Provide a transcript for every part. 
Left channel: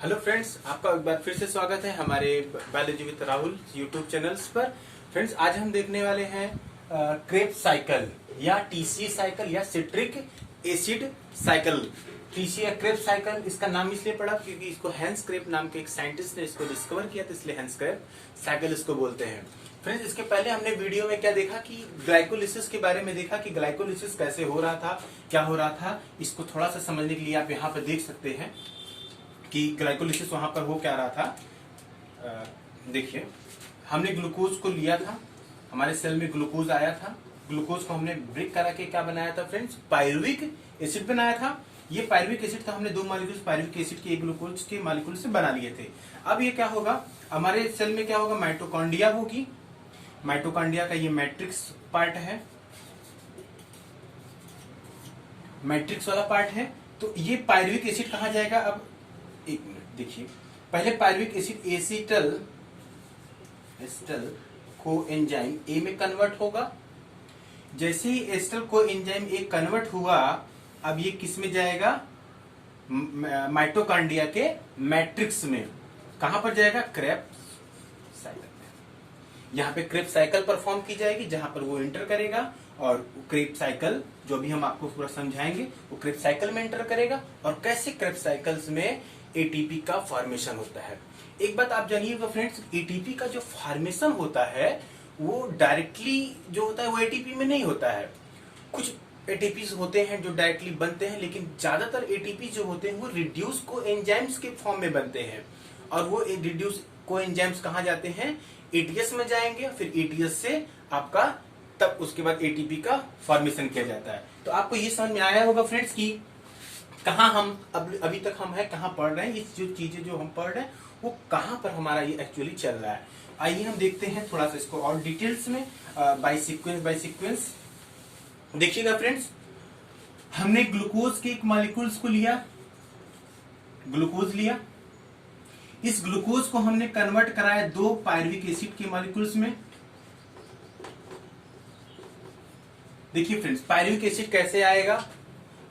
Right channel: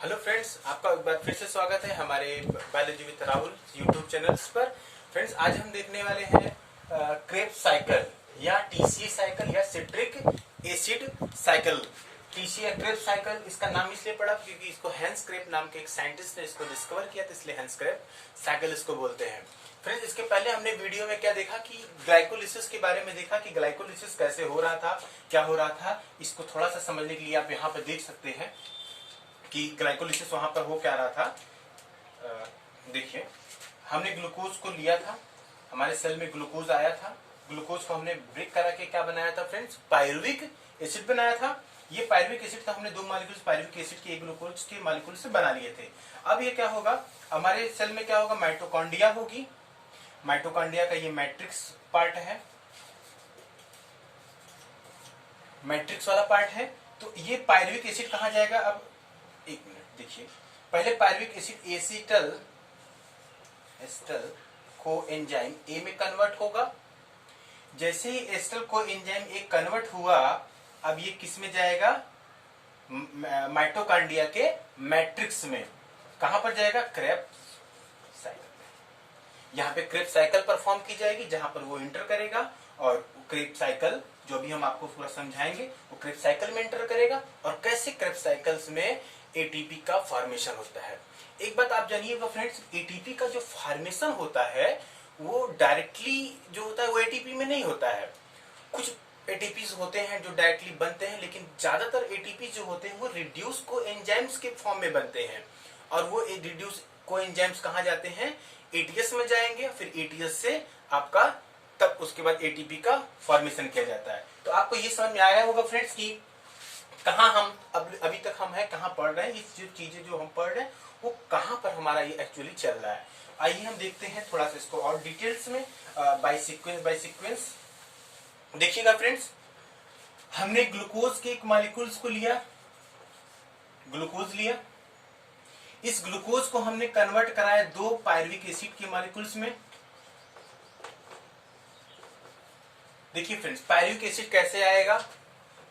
Hello friends, आपका एक बार फिर से स्वागत है हमारे biology with Rahul YouTube channels पर। फ्रेंड्स, आज हम देखने वाले हैं क्रेब्स साइकिल या टीसी साइकिल या सिट्रिक एसिड साइकिल। टीसी या क्रेब्स साइकिल इसका नाम इसलिए पड़ा क्योंकि इसको हैंस क्रेब नाम के एक साइंटिस्ट ने इसको डिस्कवर किया था, इसलिए हैंस क्रेब साइकिल इसको बोलते हैं। फ्रेंड्स, इसके पहले हमने वीडियो में क्या देखा कि ग्लाइकोलिसिस के बारे में देखा कि ग्लाइकोलिसिस कैसे हो रहा था, क्या हो रहा था। इसको थोड़ा सा समझने के लिए आप यहाँ पे देख सकते हैं कि ग्लाइकोलिसिस वहां पर हो क्या रहा था। देखिए, हमने ग्लूकोज को लिया था, हमारे सेल में ग्लूकोज आया था। ग्लूकोज को हमने ब्रेक करा के क्या बनाया था फ्रेंड्स, पायरुविक एसिड बनाया था। ये पायरुविक एसिड का हमने दो मॉलिक्यूल्स पायरुविक एसिड के एक ग्लूकोज के मॉलिक्यूल से बना लिए थे। अब ये क्या होगा, हमारे सेल में क्या होगा, माइटोकॉन्ड्रिया होगी। माइटोकॉन्ड्रिया का ये मैट्रिक्स पार्ट है, मैट्रिक्स वाला पार्ट है। तो ये पायरुविक एसिड कहाँ जाएगा, अब एक मिनट देखिए। पहले पायरुविक एसिड एसिटल को एंजाइम ए में कन्वर्ट होगा। जैसे ही एसिटल को एंजाइम ए कन्वर्ट हुआ, अब ये किस में जाएगा, माइटोकॉन्ड्रिया के मैट्रिक्स में। कहां पर जाएगा, क्रेब्स साइकिल में। यहां पे क्रेब्स साइकिल परफॉर्म की जाएगी, जहां पर वो एंटर करेगा और क्रेब्स साइकिल जो भी हम आपको पूरा समझाएंगे वो क्रेब्स साइकिल में एंटर करेगा। और कैसे क्रेब्स साइकिल्स में एटीपी का फॉर्मेशन होता है। एक बात आप जानिएगा फ्रेंड्स, एटीपी का जो फॉर्मेशन होता है वो डायरेक्टली जो होता है वो एटीपी में नहीं होता है। कुछ एटीपी होते हैं जो डायरेक्टली बनते हैं, लेकिन ज्यादातर एटीपी जो होते हैं वो रिड्यूस को एंजाइम्स के फॉर्म में बनते हैं। और वो रिड्यूस को एंजाइम्स कहाँ जाते हैं, एटीएस में जाएंगे। फिर एटीएस से आपका तब उसके बाद एटीपी का फॉर्मेशन किया जाता है। तो आपको ये समझ में आया होगा फ्रेंड्स कि कहाँ हम अभी तक हम है, कहाँ पढ़ रहे हैं, ये जो चीजें जो हम पढ़ रहे हैं वो कहाँ पर हमारा ये एक्चुअली चल रहा है। आइए हम देखते हैं थोड़ा सा इसको और डिटेल्स में बाय सीक्वेंस। देखिएगा फ्रेंड्स, हमने ग्लूकोज के एक मॉलिक्यूल्स को लिया, ग्लूकोज लिया। इस ग्लूकोज को हमने कन्वर्ट कराया दो पायरुविक एसिड के मॉलिक्यूल्स में। देखिए फ्रेंड्स, पायरुविक एसिड कैसे आएगा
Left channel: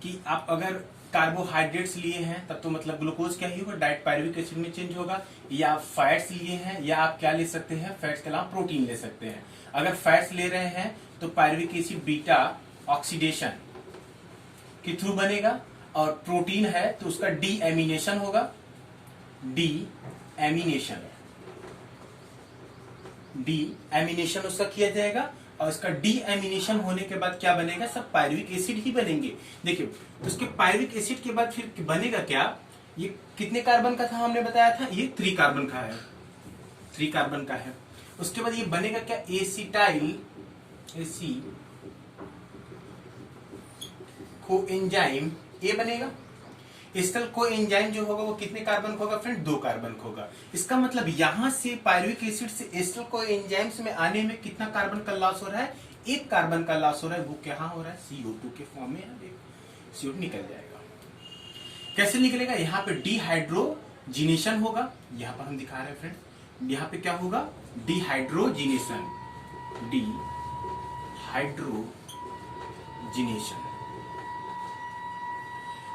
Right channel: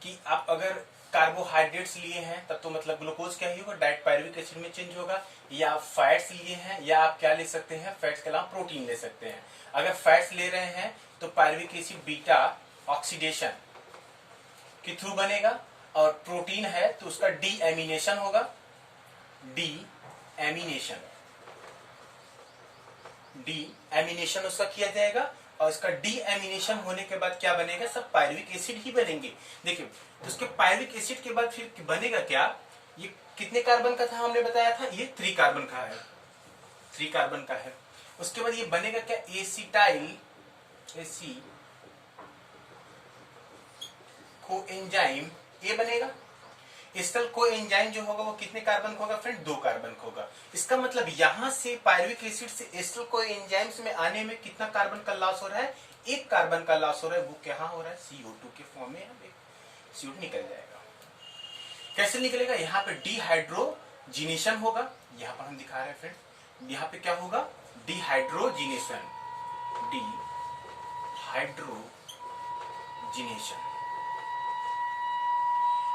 कि आप अगर कार्बोहाइड्रेट्स लिए हैं तब तो मतलब ग्लूकोज क्या ही होगा, डायरेक्ट पायरुविक एसिड में चेंज होगा। या आप फैट्स लिए हैं, या आप क्या ले सकते हैं, फैट्स के अलावा प्रोटीन ले सकते हैं। अगर फैट्स ले रहे हैं तो पायरुविक एसिड बीटा ऑक्सीडेशन के थ्रू बनेगा, और प्रोटीन है तो उसका डी एमिनेशन होगा। डी एमिनेशन उसका किया जाएगा, और इसका डी एमिनेशन होने के बाद क्या बनेगा, सब पायरुविक एसिड ही बनेंगे। देखिए, तो उसके पायरुविक एसिड के बाद फिर बनेगा क्या, ये कितने कार्बन का था हमने बताया था, ये 3 कार्बन का है, 3 कार्बन का है। उसके बाद ये बनेगा क्या, एसिटाइल को एंजाइम ए बनेगा। एसिटल को एंजाइम जो होगा वो कितने कार्बन का होगा फ्रेंड, 2 कार्बन का होगा। इसका मतलब यहां से पायरुविक एसिड से एसिटल को एंजाइम्स में आने में कितना कार्बन का लॉस हो रहा है, 1 कार्बन का लॉस हो रहा है। वो क्या हो रहा है, CO2 के फॉर्म में CO2 निकल जाएगा। कैसे निकलेगा, यहाँ पे डिहाइड्रोजिनेशन होगा। यहाँ पर हम दिखा रहे हैं फ्रेंड, यहाँ पे क्या होगा, डिहाइड्रोजिनेशन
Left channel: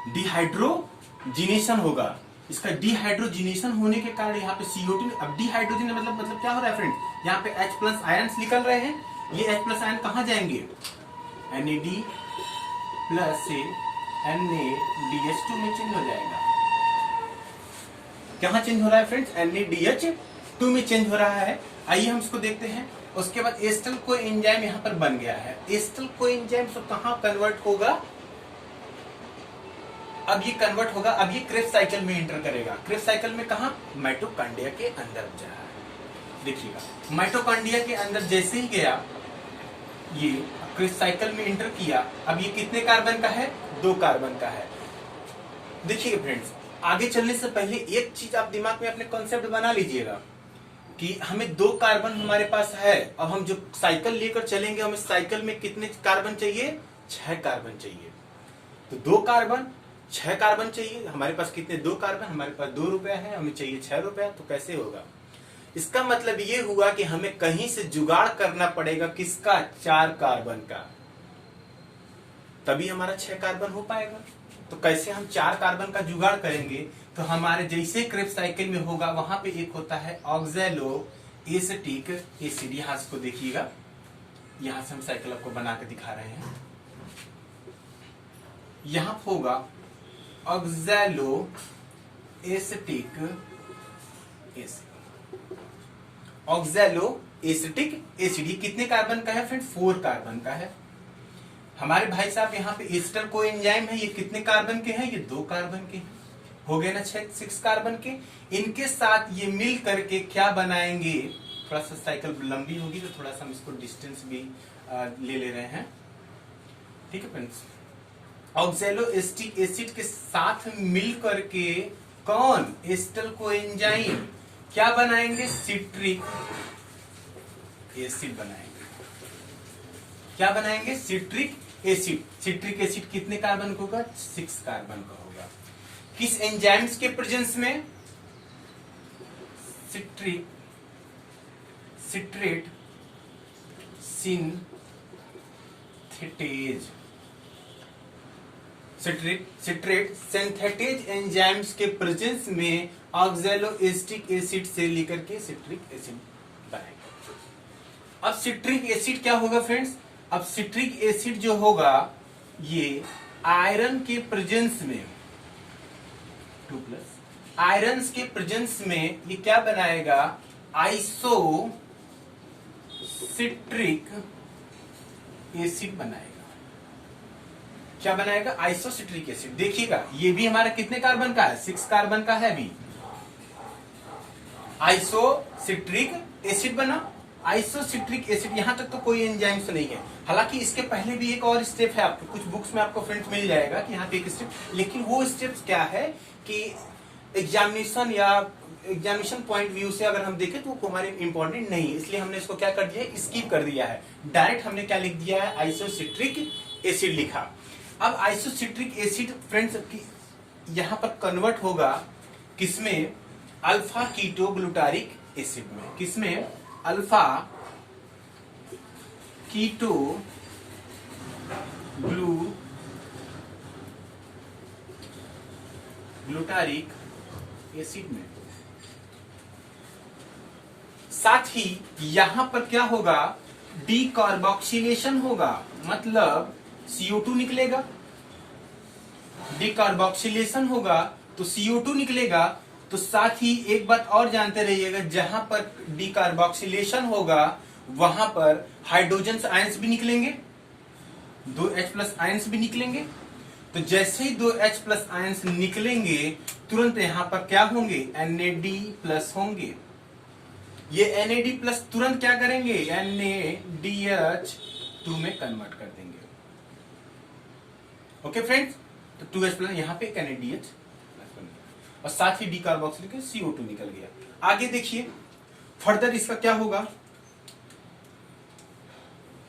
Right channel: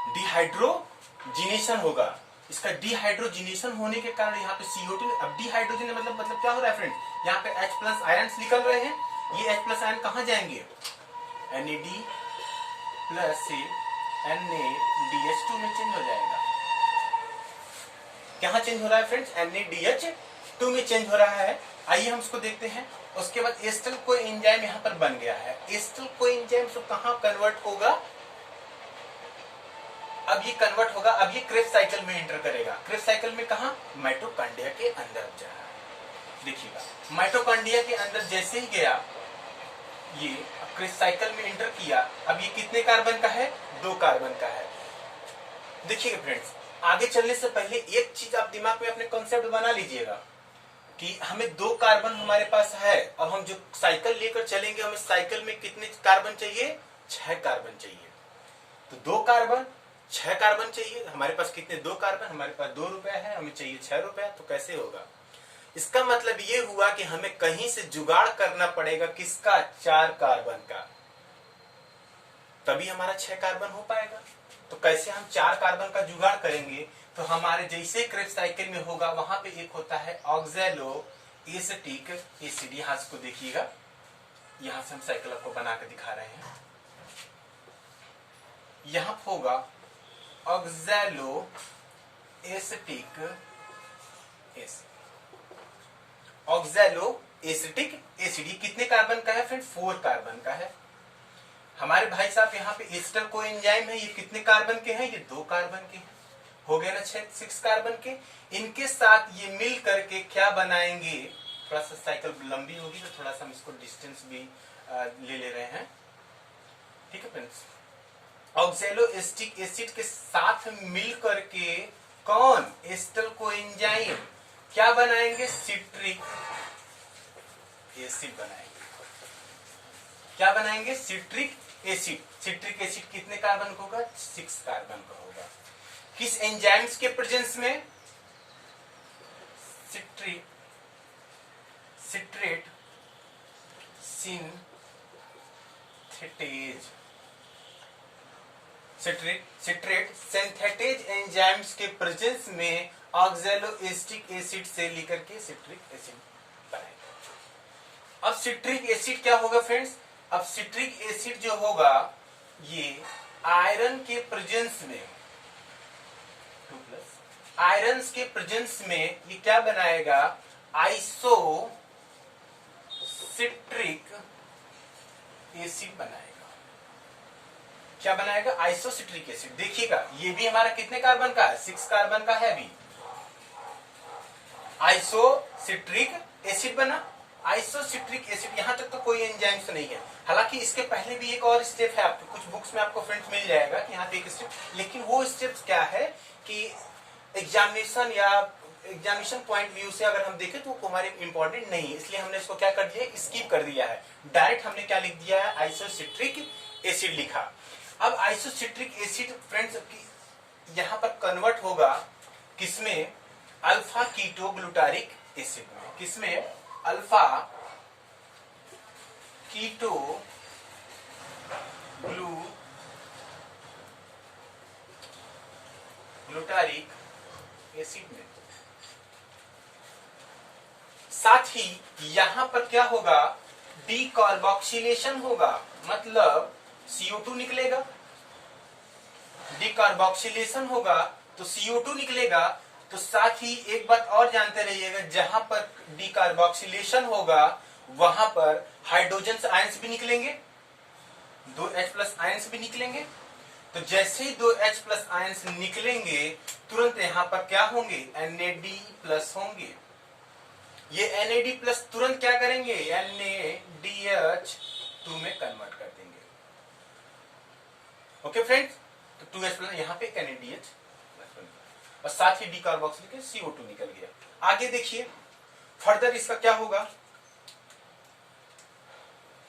डिहाइड्रोजिनेशन होगा। इसका डिहाइड्रोजिनेशन होने के कारण यहाँ पे CO2, अब डिहाइड्रोजन मतलब क्या हो रहा है फ्रेंड, यहाँ पे H+ आयन्स निकल रहे हैं। ये H+ आयन कहाँ जाएंगे, NAD+ से NADH2 में चेंज हो जाएगा। कहाँ चेंज हो रहा है फ्रेंड्स, NADH2 में चेंज हो रहा है। आइए हम इसको देखते हैं। उसके बाद एसिटल को एंजाइम यहाँ पर बन गया है। एसिटल को एंजाइम तो कहाँ कन्वर्ट होगा, अब ये कन्वर्ट होगा, अब ये क्रेब्स साइकिल में एंटर करेगा। क्रेब्स साइकिल में कहा, माइटोकॉन्ड्रिया के अंदर जा रहा है। देखिएगा, माइटोकॉन्ड्रिया के अंदर जैसे ही गया, ये क्रेब्स साइकिल में एंटर किया। अब ये कितने कार्बन का है, 2 कार्बन का है। देखिए फ्रेंड्स, आगे चलने से पहले एक चीज आप दिमाग में अपने कॉन्सेप्ट बना लीजिएगा कि हमें 2 कार्बन हमारे पास है, और हम जो साइकिल लेकर चलेंगे हमें साइकिल में कितने कार्बन चाहिए, 6 कार्बन चाहिए। तो 2 कार्बन 6 कार्बन चाहिए। हमारे पास कितने, 2 कार्बन, हमारे पास 2 रुपए है, हमें चाहिए 6 रुपए। तो कैसे होगा, इसका मतलब ये हुआ कि हमें कहीं से जुगाड़ करना पड़ेगा, किसका, 4 कार्बन का, तभी हमारा 6 कार्बन हो पाएगा। तो कैसे हम 4 कार्बन का जुगाड़ करेंगे, तो हमारे जैसे क्रेब्स साइकिल में होगा वहां पे एक होता है ऑक्सैलो एसिटिक एसिड। यहां इसको देखिएगा, यहां से हम साइकिल आपको बना के दिखा रहे हैं। यहां होगा oxalo acetic acid. Oxalo acetic acid ये कितने कार्बन का है फ्रेंड? 4 कार्बन का है। हमारे भाई साहब यहाँ पे एस्टर कोएंजाइम है, ये कितने कार्बन के हैं? ये 2 कार्बन के हैं। हो गए ना 6 कार्बन के। इनके साथ ये मिल करके क्या बनाएंगे? थोड़ा सा साइकिल लंबी होगी तो थोड़ा सा हम इसको डिस्टेंस भी ले रहे हैं, ठीक है फ्रेंड्स। ऑक्सैलो एसिटिक एसिड के साथ मिल करके कौन? एस्टर कोएंजाइम क्या बनाएंगे? सिट्रिक एसिड बनाएंगे। क्या बनाएंगे? Citric acid. सिट्रिक एसिड कितने कार्बन का होगा? 6 कार्बन का होगा। किस एंजाइम्स के प्रेजेंस में? Citrate synthetase. Citrate synthetase enzymes के प्रेजेंस में ऑक्सैलो एसिटिक एसिड से लेकर के सिट्रिक एसिड बनाएगा। अब सिट्रिक एसिड क्या होगा फ्रेंड्स? अब सिट्रिक एसिड जो होगा ये आयरन के प्रेजेंस में 2+ आयरन के प्रेजेंस में ये क्या बनाएगा? आइसो सिट्रिक एसिड बनाएगा। क्या बनाएगा? Isocitric acid. देखिएगा ये भी हमारा कितने कार्बन का है? 6 कार्बन का है। भी आइसोसिट्रिक एसिड बना। आइसोसिट्रिक एसिड यहां तक तो कोई एंजाइम्स नहीं है। हालांकि इसके पहले भी एक और स्टेप है, आपको कुछ बुक्स में आपको फ्रेंड्स मिल जाएगा कि यहाँ पे एक स्टेप, लेकिन वो स्टेप्स क्या है कि एग्जामिनेशन पॉइंट व्यू से अगर हम देखें तो वो हमारे इंपॉर्टेंट नहीं है, इसलिए हमने इसको क्या कर दिया? स्किप कर दिया है। डायरेक्ट हमने क्या लिख दिया है? आइसोसिट्रिक एसिड लिखा। अब आइसोसिट्रिक एसिड फ्रेंड्स यहां पर कन्वर्ट होगा किसमें? अल्फा कीटो ग्लूटारिक एसिड में। किसमें? अल्फा कीटो ग्लूटारिक एसिड में। साथ ही यहां पर क्या होगा? डीकार्बोक्सिलेशन होगा, मतलब CO2 निकलेगा। डीकार्बोक्सिलेशन होगा तो CO2 निकलेगा। तो साथ ही एक बात और जानते रहिएगा, जहां पर डीकार्बोक्सिलेशन होगा वहां पर हाइड्रोजन आयंस भी निकलेंगे, 2H+ आयंस भी निकलेंगे। तो जैसे ही 2H+ आयंस निकलेंगे तुरंत यहां पर क्या होंगे? NAD+ होंगे। ये NAD+ तुरंत क्या करेंगे? NADH2 में कन्वर्ट कर देंगे। ओके फ्रेंड्स, तो 2H+ यहां पे NADH और साथ ही डीकार्बोक्सिलेशन CO2 निकल गया। आगे देखिए फर्दर इसका क्या होगा?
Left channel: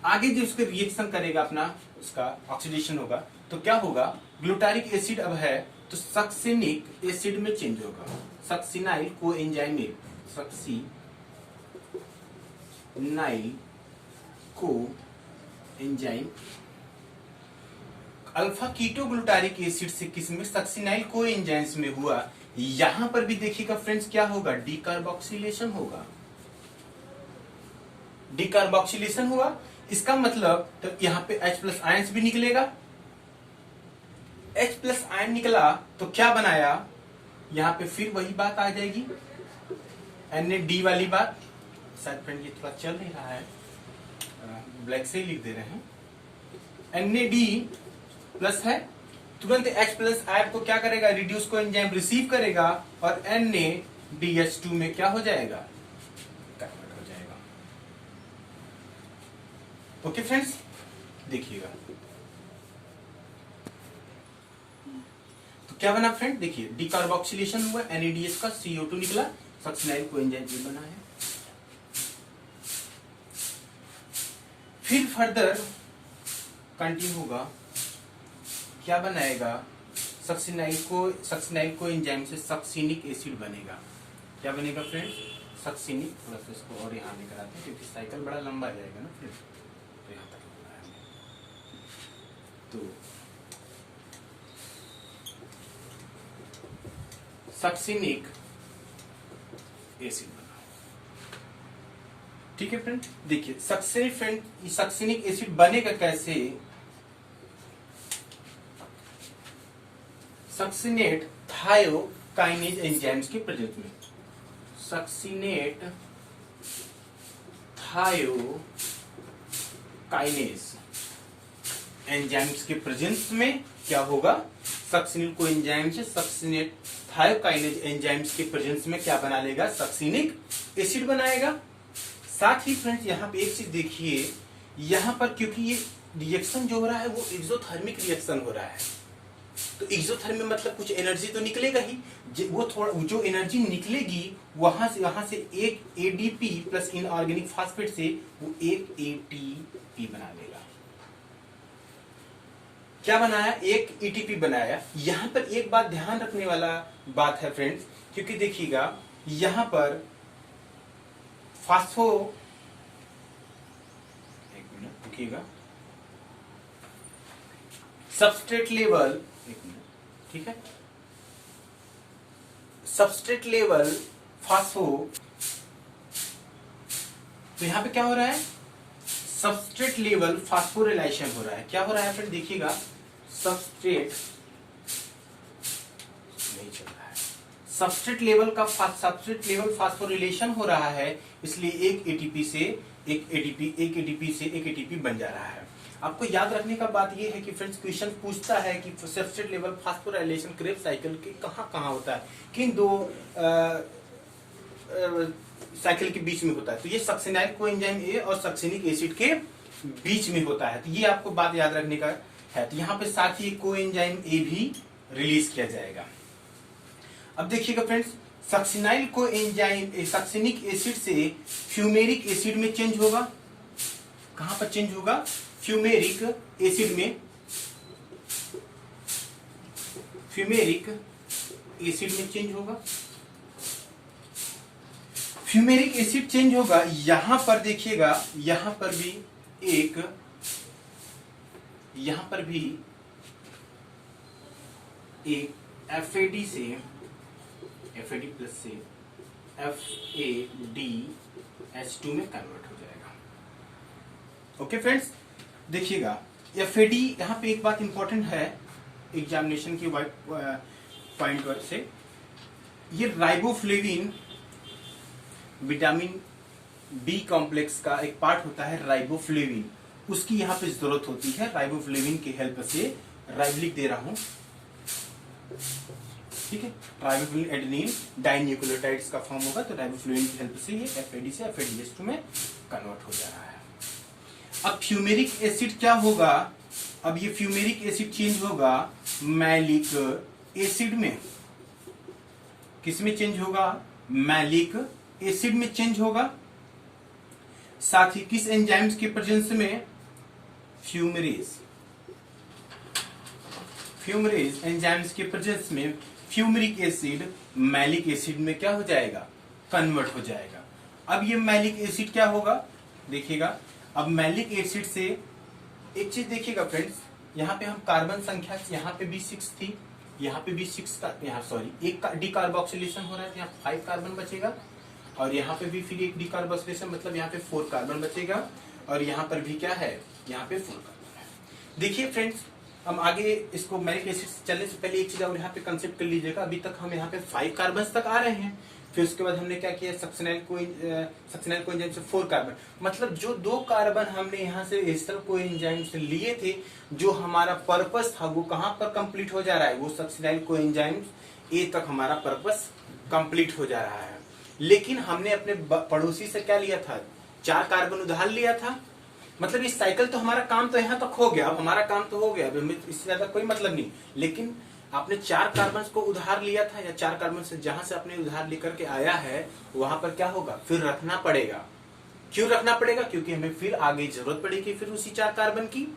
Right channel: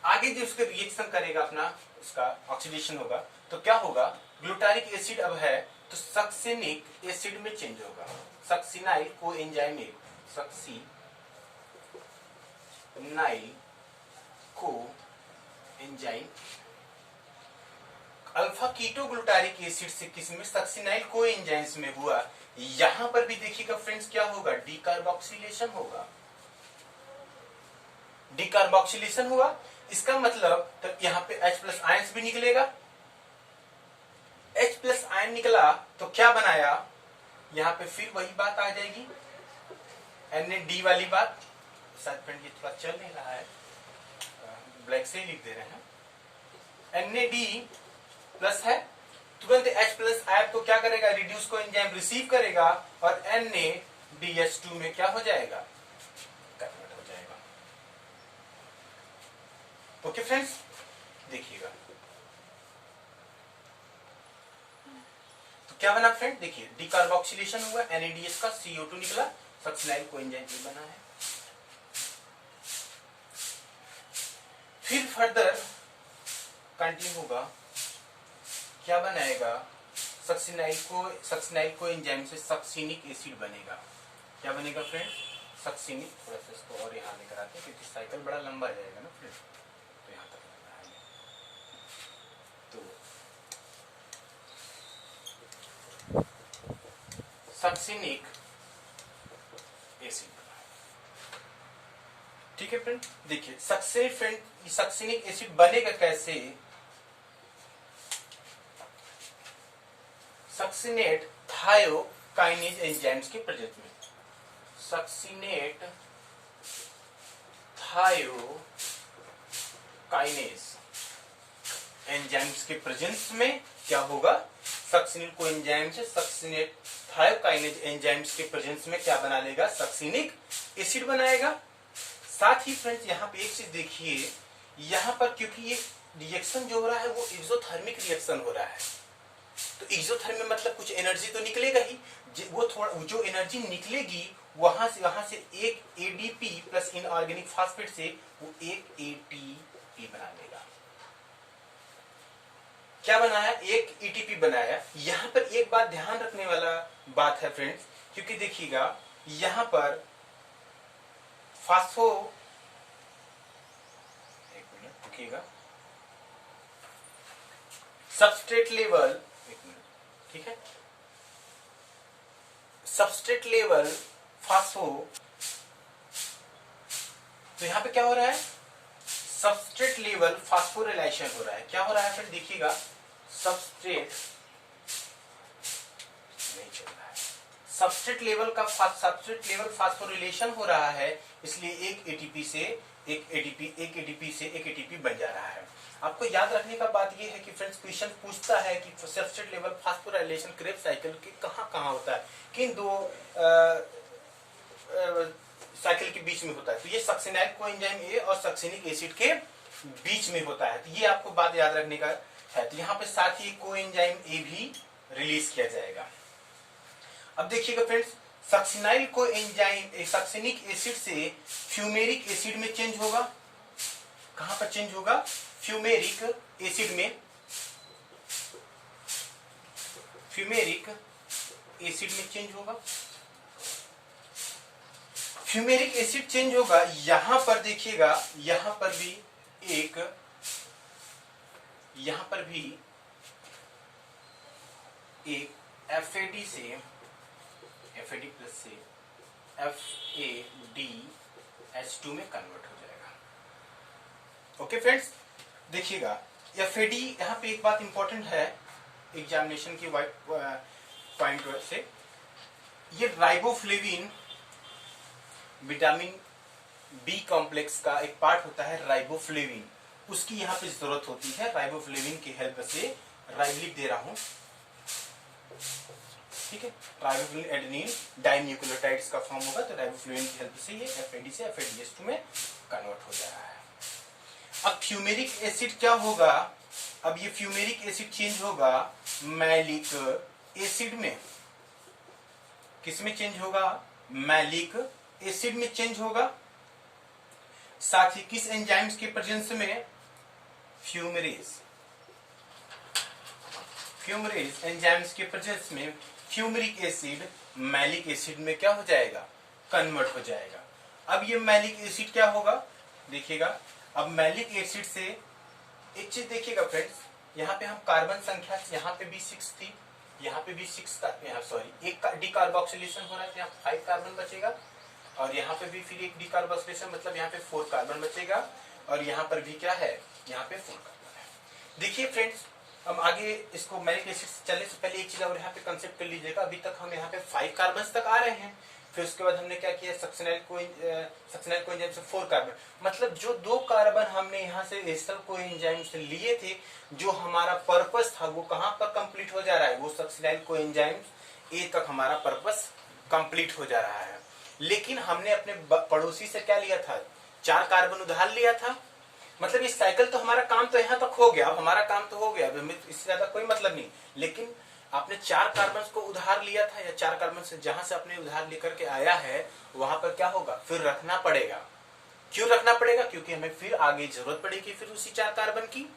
आगे जो इसका रिएक्शन करेगा अपना, उसका ऑक्सीडेशन होगा तो क्या होगा? ग्लूटारिक एसिड अब है तो सक्सिनिक एसिड में चेंज होगा। Succinyl coenzyme, succinyl coenzyme alpha keto glutaric acid से किसमें? सक्सिनाइल कोएंजाइम्स में हुआ। यहां पर भी देखिएगा फ्रेंड्स क्या होगा? डीकार्बोक्सिलेशन होगा। डीकार्बोक्सिलेशन हुआ, इसका मतलब तो यहां पे H+ आयंस भी निकलेगा। H+ आयन निकला तो क्या बनाया? यहां पे फिर वही बात आ जाएगी, NAD वाली बात। शायद फ्रेंड ये थोड़ा चल नहीं रहा है, ब्लैक से ही लिख दे रहे हैं। NAD+ है, तुरंत H+ आयन को क्या करेगा? रिड्यूस को एंजाइम रिसीव करेगा और NADH2 में क्या हो जाएगा? कन्वर्ट हो जाएगा। ओके फ्रेंड्स, देखिएगा तो क्या बना फ्रेंड? देखिए डीकार्बोक्सिलेशन हुआ, NADH का CO2 निकला, सक्सिनाइल कोएंजाइम भी बना है। फिर फर्दर कंटिन्यू होगा, क्या बनाएगा? सक्सिनाइल कोएंजाइम से सक्सिनिक एसिड बनेगा। क्या बनेगा फ्रेंड? सक्सिनिक। थोड़ा सा इसको और यहां लेकर आते हैं क्योंकि साइकिल बड़ा लंबा जाएगा ना फ्रेंड, तो यहां तक लगाना है। तो सक्सिनिक एसिड बना। ठीक है फ्रेंड, देखिए सक्सिनिक एसिड बनेगा कैसे? सक्सिनेट थायोकाइनेज एंजाइम्स के प्रेजेंस में, सक्सिनेट थायोकाइनेज एंजाइम्स के प्रेजेंस में क्या होगा? सक्सिनिल को एंजाइम से सक्सिनेट थायोकाइनेज एंजाइम्स के प्रेजेंस में क्या बना लेगा? सक्सिनिक एसिड बनाएगा। साथ ही फ्रेंड्स यहाँ पे एक चीज देखिए, यहाँ पर क्योंकि ये रिएक्शन जो हो रहा है वो एक्सोथर्मिक रिएक्शन हो रहा है, तो एक्सोथर्मिक मतलब कुछ एनर्जी तो निकलेगा ही। वो थोड़ा जो एनर्जी निकलेगी वहां से एक एडीपी प्लस इनऑर्गेनिक फास्फेट से वो एक एटीपी बना लेगा। क्या बनाया? एक एटीपी बनाया। यहां पर एक बात ध्यान रखने वाला बात है फ्रेंड्स, क्योंकि देखिएगा यहां पर फास्फो, एक मिनट देखिएगा, सबस्ट्रेट लेवल, एक मिनट, ठीक है, सबस्ट्रेट लेवल फास्फो, तो यहां पे क्या हो रहा है? सबस्ट्रेट लेवल फास्फोरिलेशन हो रहा है। क्या हो रहा है फिर देखिएगा, सबस्ट्रेट नहीं चल रहा है, सबस्ट्रेट लेवल फास्फोरिलेशन हो रहा है, इसलिए एक एटीपी से एक एटीपी बन जा रहा है। आपको याद रखने का बात यह है कि फ्रेंड्स क्वेश्चन पूछता है कि substrate level phosphorylation Krebs cycle के कहां होता है, किन दो साइकिल के बीच में होता है? तो ये सक्सिनाइल कोएंजाइम ए और सक्सिनिक एसिड के बीच में होता है। तो ये आपको बात याद रखने का है। तो यहाँ पे साथ ही कोएंजाइम ए भी रिलीज किया जाएगा। अब देखिएगा friends, succinyl coenzyme succinic acid से फ्यूमेरिक एसिड में चेंज होगा। कहां पर चेंज होगा? फ्यूमेरिक एसिड में, फ्यूमेरिक एसिड में चेंज होगा। फ्यूमेरिक एसिड चेंज होगा। यहां पर देखिएगा, यहां पर भी एक FAD से FAD प्लस से FADH2 में कन्वर्ट हो जाएगा। ओके फ्रेंड्स, देखिएगा FAD, यहां पे एक बात इंपॉर्टेंट है एग्जामिनेशन की पॉइंट से, ये राइबोफ्लेविन विटामिन बी कॉम्प्लेक्स का एक पार्ट होता है राइबोफ्लेविन, उसकी यहां पे जरूरत होती है। राइबोफ्लेविन की हेल्प से लिख दे रहा हूं, ठीक है, राइबोफ्लेविन एडेनिन डाइन्यूक्लियोटाइड्स का फॉर्म होगा, तो राइबोफ्लेविन की हेल्प से ये FAD से FADH2 में कन्वर्ट हो जा रहा है। अब फ्यूमेरिक एसिड क्या होगा? अब ये फ्यूमेरिक एसिड चेंज होगा मैलिक एसिड में। किस में चेंज होगा? मैलिक एसिड में चेंज होगा। साथ ही किस एंजाइम्स के प्रेजेंस में? फ्यूमरेज एंजाइम्स के प्रेजेंस में फ्यूमेरिक एसिड मैलिक एसिड में क्या हो जाएगा? कन्वर्ट हो जाएगा। अब ये मैलिक एसिड क्या होगा? देखिएगा, अब मैलिक एसिड से एक चीज देखिएगा फ्रेंड्स, यहाँ पे हम कार्बन संख्या, यहाँ पे भी 6 थी, यहाँ पे भी 6 का, यहाँ सॉरी एक डिकार्बोक्सिलेशन हो रहा है, तो यहाँ 5 कार्बन बचेगा, और यहाँ पे भी फिर एक डिकार्बोक्सिलेशन, मतलब यहाँ पे 4 कार्बन बचेगा, और यहाँ पर भी क्या है? यहाँ पे 4 कार्बन है। देखिए फ्रेंड्स, हम आगे इसको मैलिक एसिड चलने से पहले एक चीज और यहाँ पे कंसेप्ट कर लीजिएगा। अभी तक हम यहाँ पे 5 कार्बन तक आ रहे हैं, फिर उसके बाद हमने क्या किया? सक्सिनाइल कोएंजाइम से 4 कार्बन, मतलब जो 2 कार्बन हमने यहाँ से एस्टर कोएंजाइम से लिए थे, जो हमारा पर्पस था वो कहां पर कंप्लीट हो जा रहा है? वो सक्सिनाइल कोएंजाइम ए तक हमारा पर्पस कंप्लीट हो जा रहा है। लेकिन हमने अपने पड़ोसी से क्या लिया था? 4 कार्बन उधार लिया था, मतलब इस साइकिल तो हमारा काम तो यहाँ तक हो गया, अब हमारा काम तो हो गया, इससे ज्यादा कोई मतलब नहीं। लेकिन आपने 4 कार्बन को उधार लिया था, या 4 कार्बन से जहां से आपने उधार लेकर के आया है वहां पर क्या होगा? फिर रखना पड़ेगा। क्यों रखना पड़ेगा? क्योंकि हमें फिर आगे जरूरत पड़ेगी फिर उसी 4 कार्बन की,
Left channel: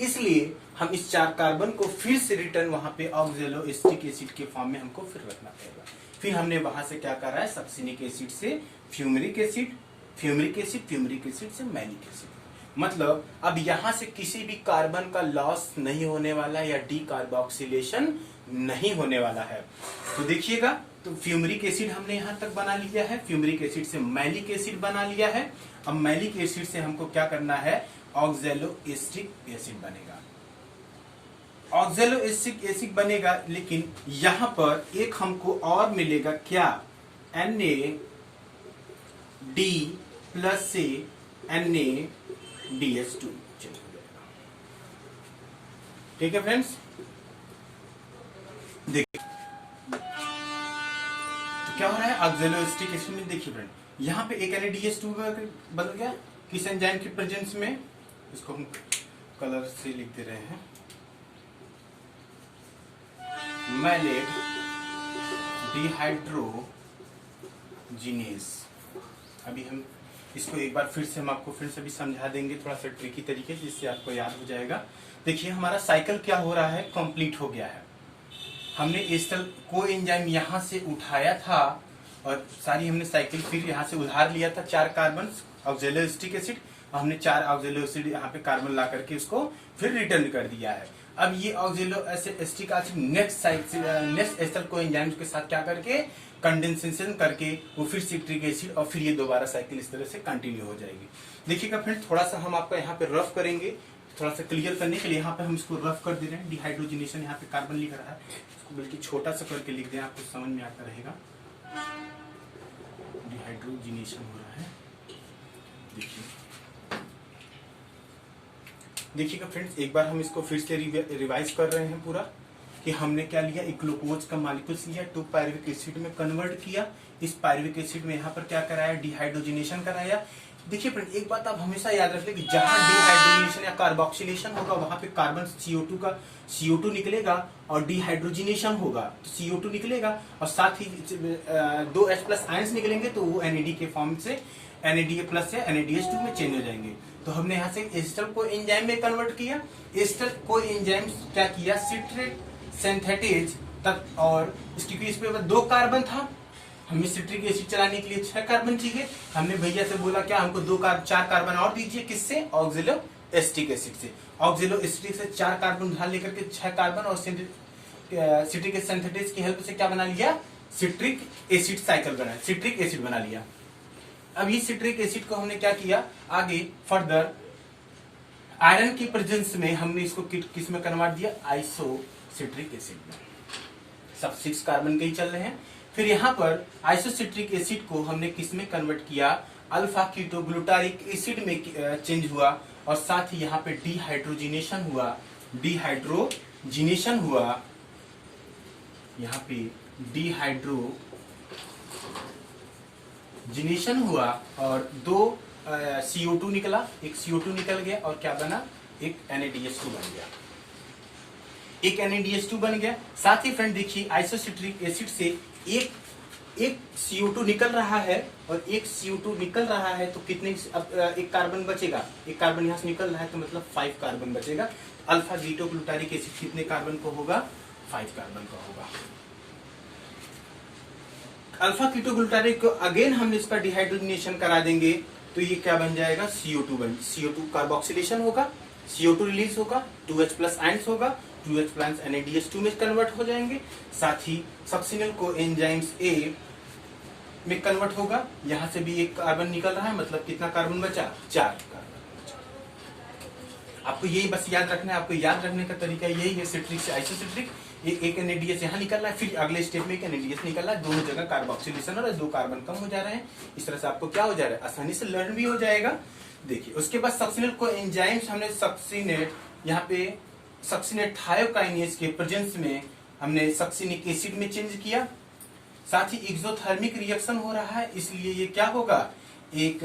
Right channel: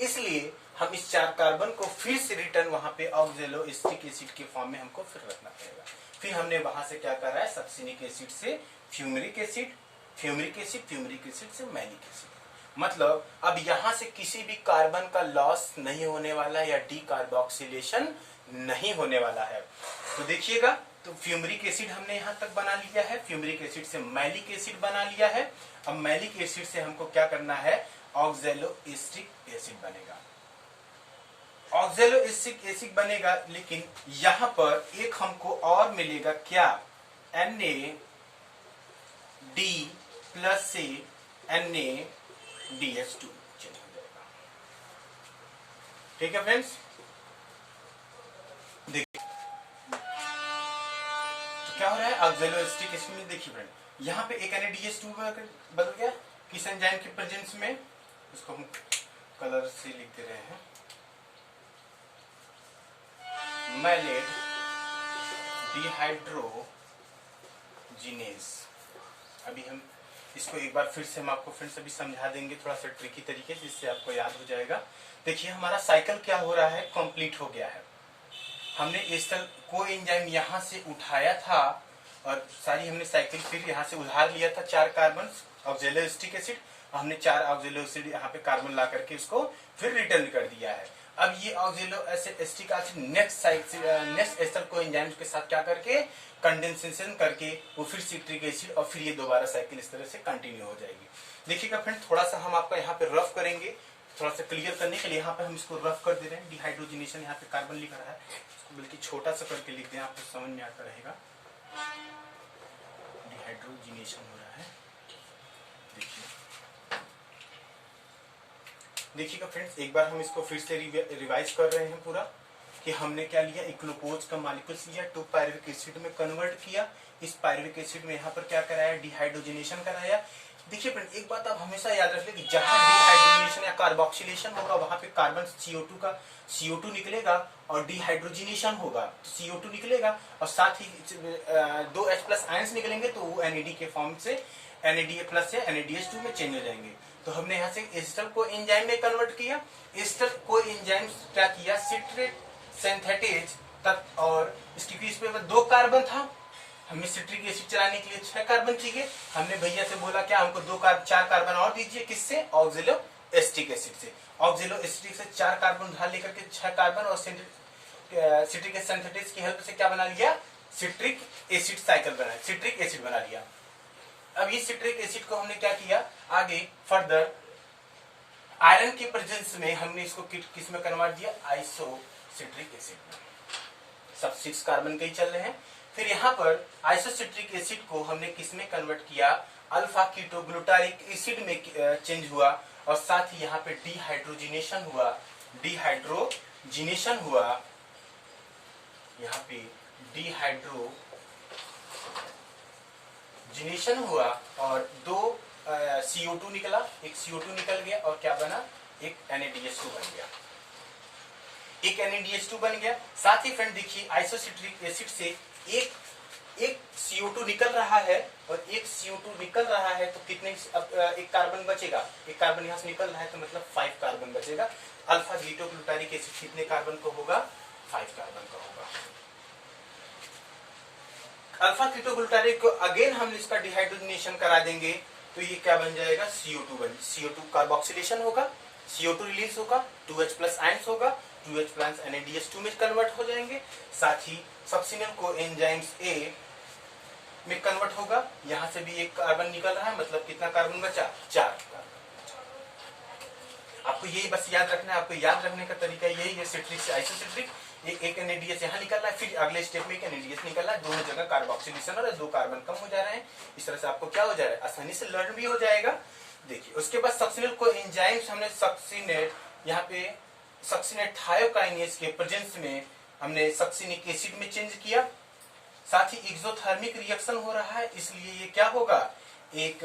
इसलिए हम इस 4 कार्बन को फिर से रिटर्न वहां पे ऑक्जेलो एस्टिक एसिड के फॉर्म में हमको फिर रखना पड़ेगा। फिर हमने वहां से क्या कर रहा है? सक्सिनिक एसिड से फ्यूमेरिक एसिड, फ्यूमेरिक एसिड से मैलिक एसिड, मतलब अब यहां से किसी भी कार्बन का लॉस नहीं होने वाला या डीकार्बोक्सिलेशन नहीं होने वाला है। तो देखिएगा, तो फ्यूमरिक एसिड हमने यहां तक बना लिया है, फ्यूमरिक एसिड से मैलिक एसिड बना लिया है। अब मैलिक एसिड से हमको क्या करना है, ऑक्जेलोएस्टिक एसिड बनेगा, ऑक्जेलोएस्टिक एसिड बनेगा। लेकिन यहां पर एक हमको और मिलेगा क्या, NaD प्लस से NaDH2 चेंज हो जाएगा। ठीक है फ्रेंड्स, देखिए तो क्या हो रहा है ऑक्जेलोएस्टिक एसिड में। देखिए फ्रेंड, यहां पे एक NaDH2 बदल गया किस एंजाइम के प्रेजेंस में, इसको हम कलर से लिख दे रहे हैं, मैलेट डिहाइड्रोजिनेज। अभी हम इसको एक बार फिर से हम आपको फिर से भी समझा देंगे थोड़ा सा ट्रिकी तरीके जिससे आपको याद हो जाएगा। देखिए हमारा साइकिल क्या हो रहा है, कंप्लीट हो गया है। हमने एस्टर को एंजाइम यहां से उठाया था और सारी हमने साइकिल फिर यहां से उधार लिया था 4 कार्बन ऑक्जेलोएस्टिक एसिड, हमने 4 ऑक्जेलोएसिड यहाँ पे कार्बन ला करके इसको फिर रिटर्न कर दिया है। अब ये ऑक्जेलोएस्टिक एसिड नेक्स्ट एस्टर को एंजाइम के साथ क्या करके कंडेंसेशन करके वो फिर सिट्रिक एसिड और फिर ये दोबारा साइकिल इस तरह से कंटिन्यू हो जाएगी। देखिएगा फ्रेंड, थोड़ा सा हम आपका यहाँ पे रफ करेंगे, थोड़ा सा क्लियर करने के लिए यहाँ पे हम इसको रफ कर दे रहे हैं। डिहाइड्रोजिनेशन यहाँ पे कार्बन लिख रहा है, इसको बल्कि छोटा सा करके लिख दें, आपको समझ में आता रहेगा। डिहाइड्रोजिनेशन हो रहा है, देखिएगा फ्रेंड्स, एक बार हम इसको फिर से रिवाइज कर रहे हैं पूरा कि हमने क्या लिया, एक ग्लूकोज का मॉलिक्यूल्स लिया, 2 पायरुविक एसिड में कन्वर्ट किया, इस पायरुविक एसिड में यहाँ पर क्या कराया, डिहाइड्रोजिनेशन कराया। देखिए फ्रेंड, एक बात आप हमेशा याद रखिए कि जहां डिहाइड्रोजिनेशन या कार्बोक्सिलेशन होगा वहां पे कार्बन CO2 निकलेगा और डिहाइड्रोजिनेशन होगा तो CO2 निकलेगा और साथ ही 2H+ आयंस निकलेंगे तो वो NAD के फॉर्म से NADA+ से NADH2 में चेंज हो जाएंगे। तो हमने यहाँ से एस्टर को एंजाइम में कन्वर्ट किया, एस्टर को एंजाइम क्या किया, सिट्रेट सिंथेटेज तक, और क्योंकि इस पे 2 कार्बन था, हमें सिट्रिक एसिड चलाने के लिए 6 कार्बन चाहिए। हमने भैया से बोला क्या, हमको 4 कार्बन और दीजिए, किससे, ऑक्जेलोएस्टिक एसिड से। ऑक्जेलोएस्टिक से 4 कार्बन उधार लेकर के 6 कार्बन और सिट्रिक सिंथेटेज की हेल्प से क्या बना लिया, सिट्रिक एसिड साइकिल बना, सिट्रिक एसिड बना लिया। अब ये सिट्रिक एसिड को हमने क्या किया, आगे फर्दर आयरन के प्रेजेंस में हमने इसको किस में कन्वर्ट दिया, आइसोसिट्रिक एसिड में। सब 6 कार्बन के ही चल रहे हैं। फिर यहाँ पर आइसोसिट्रिक एसिड को हमने किस में कन्वर्ट किया, अल्फा कीटोग्लूटारिक एसिड में चेंज हुआ और साथ ही यहाँ पे डिहाइड्रोजिनेशन हुआ, यहाँ पे डिहाइड्रोजिनेशन हुआ और 2 CO2 निकला, एक CO2 निकल गया और क्या बना, एक NaDH2 बन गया, एक NaDH2 बन गया। साथ ही फ्रेंड देखिए, आइसोसिट्रिक एसिड से एक CO2 निकल रहा है और एक CO2 निकल रहा है तो कितने, अब एक कार्बन बचेगा, एक कार्बन यहां से निकल रहा है तो मतलब 5 कार्बन बचेगा। अल्फा कीटोग्लूटारिक एसिड कितने कार्बन को होगा, 5 कार्बन का होगा। अल्फा कीटोग्लूटारिक को अगेन हम इसका डिहाइड्रोजिनेशन करा देंगे तो ये क्या बन जाएगा, CO2 कार्बोक्सिलेशन होगा, CO2 रिलीज होगा, 2H+ आयंस होगा, 2H+ NaDH2 में कन्वर्ट हो जाएंगे। साथ ही सक्सिनल को एंजाइम्स A में कन्वर्ट होगा, यहां से भी एक कार्बन निकल रहा है, मतलब कितना कार्बन बचा, 4 कार्बन बचा। आपको यही बस याद रखना है, आपको याद रखने का तरीका यही है, सिट्रिक से आइसोसिट्रिक, एक NaDH यहाँ निकल रहा है, फिर अगले स्टेप में एक NaDH निकल रहा है, दोनों जगह कार्बोक्सिलेशन और 2 कार्बन कम हो जा रहे हैं। इस तरह से आपको क्या हो जा रहा है, आसानी से लर्न भी हो जाएगा। देखिए उसके बाद सक्सिनल को एंजाइम्स हमने सक्सिनेट, यहाँ पे सक्सिनेट थायोकाइनेज के प्रेजेंस में हमने सक्सिनिक एसिड में चेंज किया। साथ ही एक्सोथर्मिक रिएक्शन हो रहा है, इसलिए ये क्या होगा, एक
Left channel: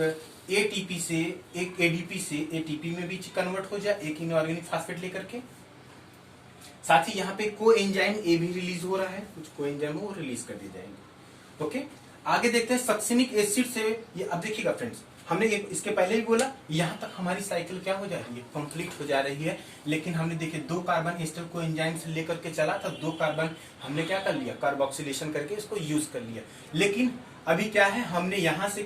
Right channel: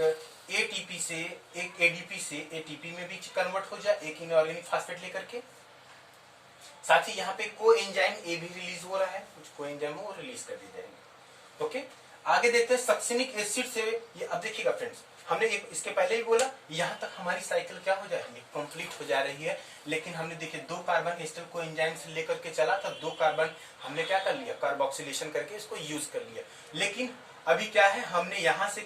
ATP से एक ADP से ATP में भी कन्वर्ट हो जाए, एक इनऑर्गेनिक फास्फेट लेकर के। साथ ही यहाँ पे को एंजाइम A भी रिलीज हो रहा है, कुछ को एंजाइम वो रिलीज कर दिए जाएंगे। ओके, आगे देखते हैं सक्सिनिक एसिड से। ये अब देखिएगा फ्रेंड्स, हमने इसके पहले भी बोला, यहाँ तक हमारी साइकिल क्या हो जा रही है, कंप्लीट हो जा रही है। लेकिन हमने देखिए 2 कार्बन एस्टर को एंजाइम से लेकर के चला था, 2 कार्बन हमने क्या कर लिया, कार्बोक्सिलेशन करके इसको यूज कर लिया। लेकिन अभी क्या है, हमने यहाँ से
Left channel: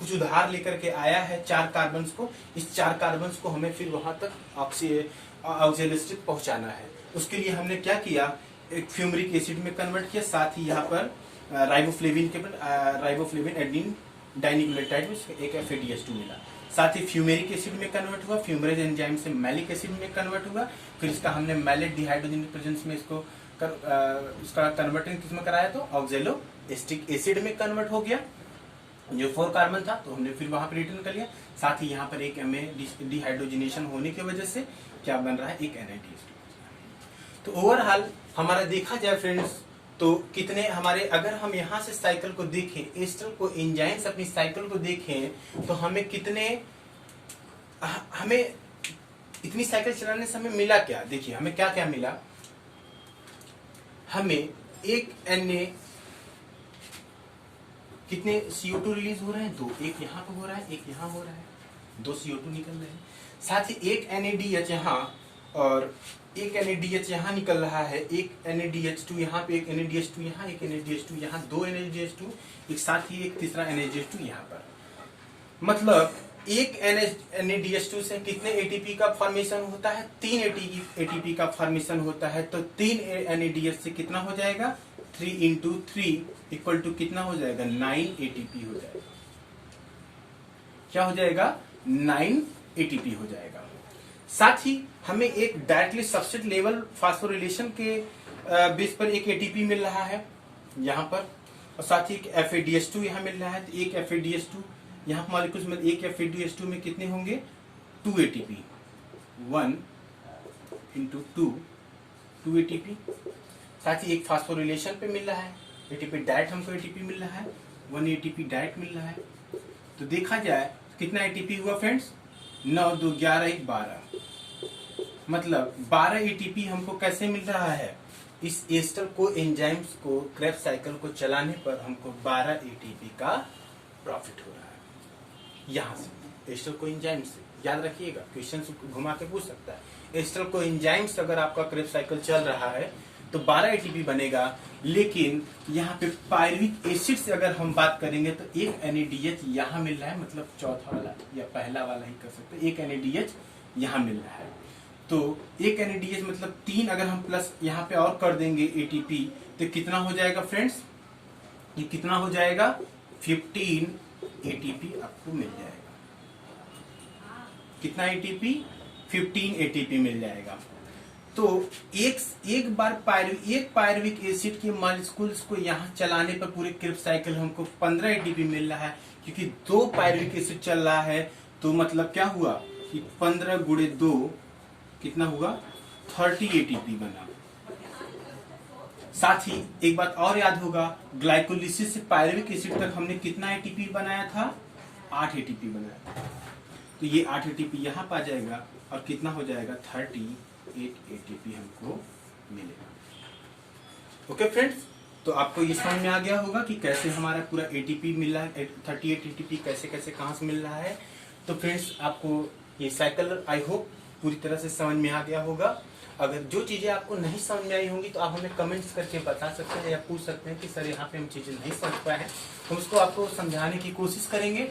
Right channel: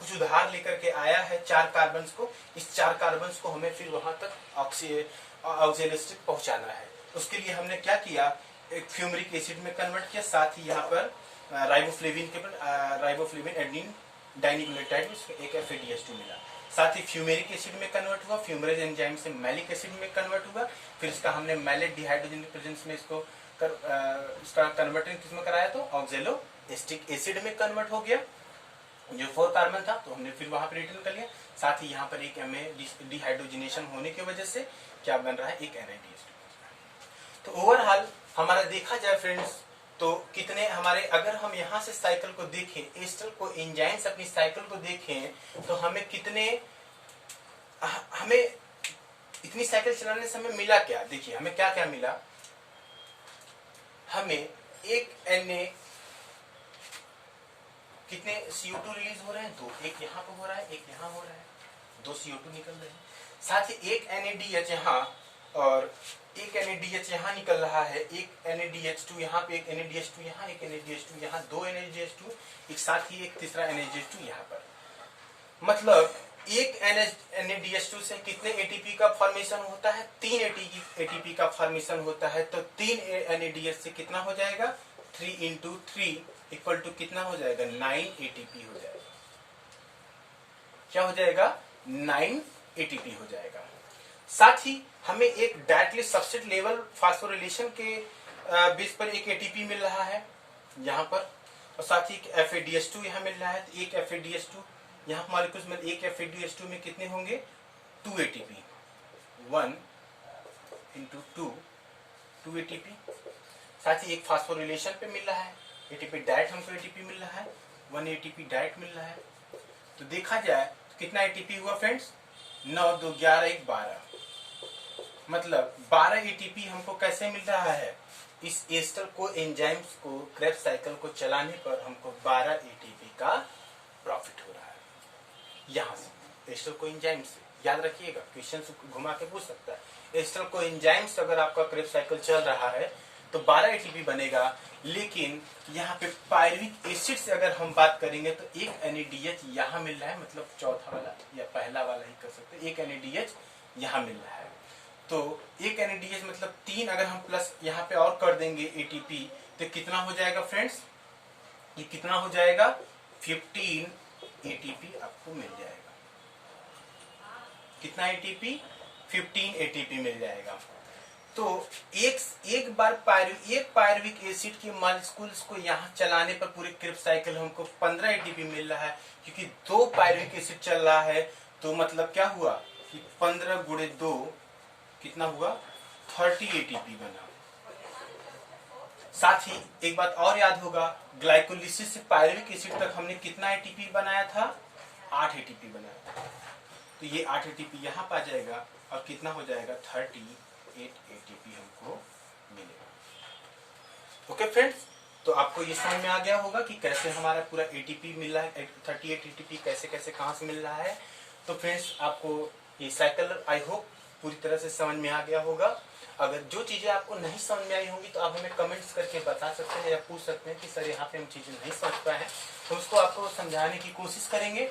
कुछ उधार लेकर के आया है 4 कार्बन को, इस 4 कार्बन को हमें फिर वहां तक ऑक्जेलोएस्टिक पहुंचाना है। उसके लिए हमने क्या किया, एक फ्यूमरिक एसिड में कन्वर्ट किया, साथ ही यहाँ पर राइबोफ्लेविन एडेनिन डाइन्यूक्लियोटाइड में एक FADH2 मिला। साथ ही फ्यूमेरिक एसिड में कन्वर्ट हुआ, फ्यूमरेज एंजाइम से मैलिक एसिड में कन्वर्ट हुआ, फिर इसका हमने मैलेट डिहाइड्रोजन प्रेजेंस में इसको उसका कन्वर्टिंग किसमें कराया तो ऑक्जेलो एस्टिक एसिड में कन्वर्ट हो गया, जो 4 कार्बन था तो हमने फिर वहां पर रिटर्न कर लिया। साथ ही यहाँ पर एक डिहाइड्रोजिनेशन होने की वजह से क्या बन रहा है, एक NADH2। तो ओवरऑल हमारा देखा जाए फ्रेंड्स तो कितने हमारे, अगर हम यहाँ से साइकिल को देखें, एस्टर को एंजाइम्स अपनी साइकिल को देखें तो हमें कितने, हमें इतनी साइकिल चलाने से हमें मिला क्या, देखिए हमें क्या क्या मिला। हमें एक Na कितने CO2 रिलीज हो रहे हैं, 2, एक यहाँ पे हो रहा है, एक यहाँ हो रहा है, 2 CO2 निकल रहे हैं। साथ ही एक NADH यहाँ और एक NADH यहाँ निकल रहा है, एक NADH2 यहाँ पे, एक NADH2 यहाँ, एक NADH2 यहाँ, 2 NADH2 एक साथ ही, एक तीसरा NADH2 यहाँ पर। मतलब एक NADH2 से कितने ATP का फॉर्मेशन होता है, 3 ATP का फॉर्मेशन होता है। तो 3 NADH से कितना हो जाएगा, 3 into 3 इक्वल टू कितना हो जाएगा, 9 ATP हो जाएगा। क्या हो जाएगा, 9 ATP हो जाएगा। साथ ही हमें एक डायरेक्टली सबस्ट्रेट लेवल फास्फोरिलेशन के बेस पर एक ATP मिल रहा है यहाँ पर, और साथ ही एक FADH2 यहाँ मिल रहा है। तो एक FADH2 यहाँ मॉलिक्यूल्स में, एक FADH2 में कितने होंगे, 2 ATP, 1 into 2 ATP। साथ ही एक फास्फोरिलेशन पे मिल रहा है ATP डायरेक्ट, हमको ATP मिल रहा है 1 ATP डायरेक्ट मिल रहा है। तो देखा जाए कितना ATP हुआ फ्रेंड्स, 9, 2, 11, 1, 12, मतलब 12 ATP हमको कैसे मिल रहा है, इस एस्टर को एंजाइम्स को क्रेब्स साइकिल को चलाने पर हमको 12 ATP का प्रॉफिट हो रहा है। यहां से एस्टर को एंजाइम से, याद रखिएगा क्वेश्चन घुमा के पूछ सकता है, एस्टर को एंजाइम से अगर आपका क्रेब्स साइकिल चल रहा है तो 12 ATP बनेगा। लेकिन यहाँ पे पायरुविक एसिड से अगर हम बात करेंगे तो एक NADH यहाँ मिल रहा है, मतलब चौथा वाला या पहला वाला ही कर सकते हैं, एक NADH यहाँ मिल रहा है। तो एक NADH मतलब 3, अगर हम प्लस यहाँ पे और कर देंगे ATP तो कितना हो जाएगा फ्रेंड्स, ये कितना हो जाएगा, 15 ATP आपको मिल जाएगा। कितना ATP, 15 ATP मिल जाएगा। तो एक बार पायरुविक एसिड के मॉलिक्यूल्स को यहाँ चलाने पर पूरे क्रेब्स साइकिल हमको 15 ATP मिल रहा है, क्योंकि 2 पायरुविक एसिड चल रहा है। तो मतलब क्या हुआ कि 15 गुणे 2 कितना हुआ, 30 ATP बना। साथ ही एक बात और याद होगा, ग्लाइकोलिसिस से पायरुविक एसिड तक हमने कितना ATP बनाया था, 8 ATP बनाया था। तो ये 8 ATP यहाँ पा जाएगा और कितना हो जाएगा, 38 ATP हमको मिलेगा। ओके फ्रेंड्स, तो आपको ये समझ में आ गया होगा कि कैसे हमारा पूरा ATP मिल रहा है, 38 ATP कैसे कैसे कहां से मिल रहा है। तो फ्रेंड्स आपको ये साइकिल आई होप पूरी तरह से समझ में आ गया होगा। अगर जो चीजें आपको नहीं समझ में आई होंगी तो आप हमें कमेंट्स करके बता सकते हैं या पूछ सकते हैं कि सर यहाँ पे हम चीजें नहीं समझ पाए हैं, तो उसको आपको समझाने की कोशिश करेंगे।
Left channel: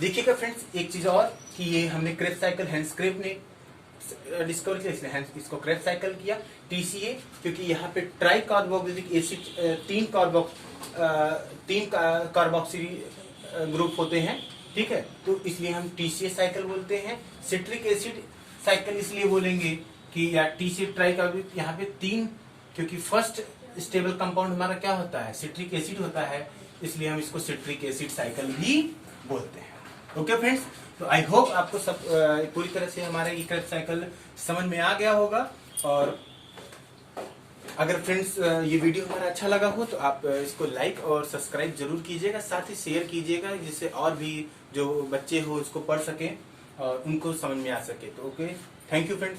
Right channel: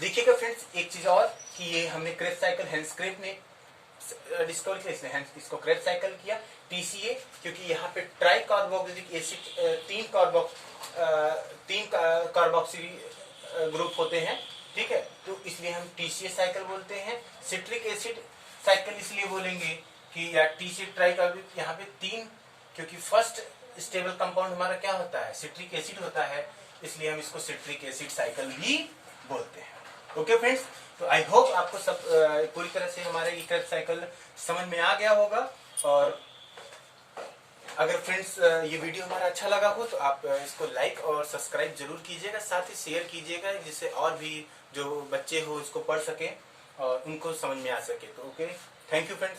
देखिएगा फ्रेंड्स एक चीज और कि ये हमने क्रेब्स साइकिल हैंस क्रेब ने डिस्कवर किया, इसने इसको क्रेब्स साइकिल किया TCA, क्योंकि यहाँ पे try carboxylic acid 3 carboxyl group होते हैं, ठीक है, तो इसलिए हम TCA साइकिल बोलते हैं। सिट्रिक एसिड साइकिल इसलिए बोलेंगे कि या TCA ट्राई कार्बोक्सिलिक, यहाँ पे 3, क्योंकि फर्स्ट स्टेबल कंपाउंड हमारा क्या होता है, सिट्रिक एसिड होता है, इसलिए हम इसको सिट्रिक एसिड साइकिल भी बोलते हैं। ओके फ्रेंड्स, तो आई होप आपको सब पूरी तरह से हमारा ये क्रेब्स साइकिल समझ में आ गया होगा। और अगर फ्रेंड्स ये वीडियो हमारा अच्छा लगा हो तो आप इसको लाइक और सब्सक्राइब जरूर कीजिएगा, साथ ही शेयर कीजिएगा, जिससे और भी जो बच्चे हो इसको पढ़ सके और उनको समझ में आ सके। तो ओके, थैंक यू फ्रेंड्स।